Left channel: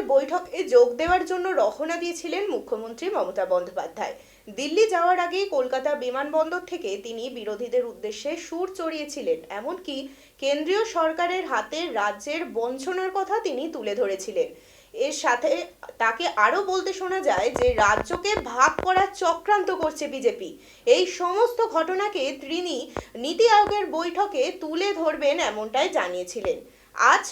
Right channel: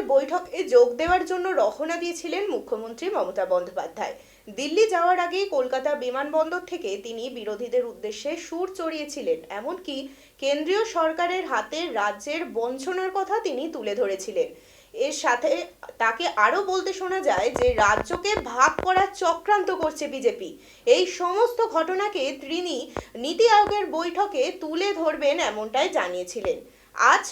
আয়োগের বৈঠকে যোগ দেওয়ার জন্য রওনা দিয়েছিলেন মুখ্যমন্ত্রী মমতা বন্দ্যোপাধ্যায়। দিল্লি যাওয়ার আগেই কলকাতা বিমানবন্দর থেকে তিনি বিরোধীদের উদ্দেশ্যে সুর চড়িয়েছিলেন, এমনকি কেন্দ্রীয় সরকারের হাতে রাজ্যের বঞ্চনার কথা তিনি তুলে ধরেছিলেন। এর সাথে তাকে আরও বলতে শোনা যায় যে রাজ্যকে ভাগ করার চক্রান্ত করছে বিজেপি। এই সমস্ত ঘটনাকে তিনি নীতি আয়োগের বৈঠকে তুলে ধরবেন এমনটাই জানিয়েছিলেন। আজ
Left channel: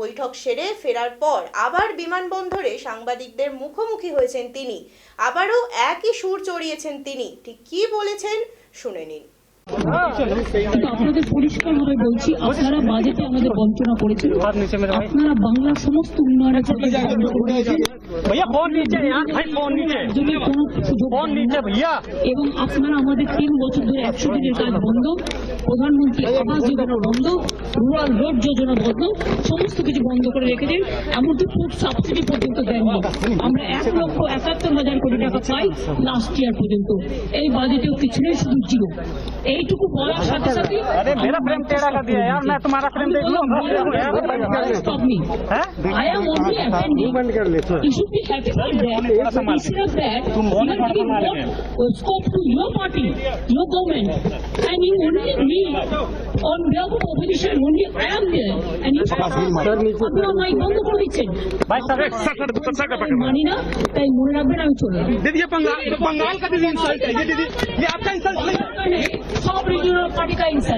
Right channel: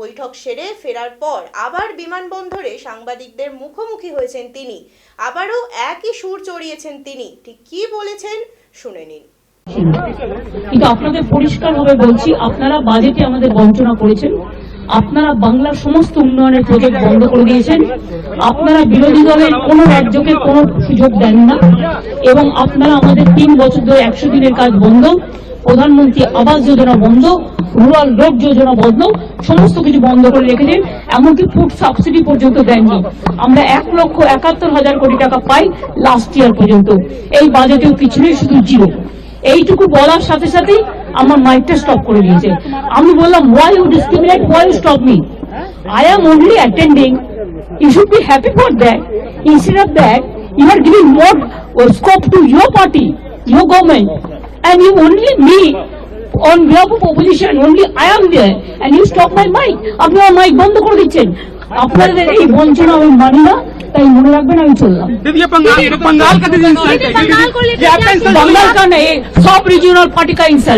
বৈঠক সেরে ফেরার পর আবার বিমানবন্দরে সাংবাদিকদের মুখোমুখি হয়েছেন তিনি। আবারও একই সুর চড়িয়েছেন তিনি। ঠিক কি বলেছেন শুনে নিন। কিন্তু আপনাদের পরিষ্কারভাবে বলছি, আপনারা বাজেটে আমাদের বঞ্চনা করেছেন, আপনারা বাংলার সমস্ত উন্নয়নের প্রজেক্ট বন্ধ করে দিয়েছেন, আপনারা বিরোধী দলের কোন রাজ্যকে কোন সুযোগ দেন না, এবং আপনারা আমাদের 3 বছর ধরে 100 দিনের কাজ বন্ধ, প্রধানমন্ত্রী আবাস যোজনা বন্ধ, রুরাল রোড যোজনা বন্ধ, সমস্ত কিছু বন্ধ করে রেখেছেন। এমনকি ফুড সাবসিডি পর্যন্ত দেননি। আমরা 1,71,000 কোটি টাকা পাই লাস্ট ইয়ার পর্যন্ত। এই বাজেটেও কিছু নেই, শুধু জিরো। এইটুকু বলার সাথে সাথে আমার মাইকটা স্টপ করে দিয়েছে। আমি বললাম, why you discriminate, why you stop me? I am only attending. You should be happy for that. Instead of that, you are giving more scope to your party, your government, and you only me on behalf of opposition, only I am there, and you stop my mic. আপনি আমার mic বন্ধ করে দিচ্ছেন। আপনাদের এই বঞ্চনা আমি মানি না, তাই মনে রাখবেন আমি চললাম। बंगाल का बंगाल का नहीं, सब रीजनल पार्टी का इंसल्ट।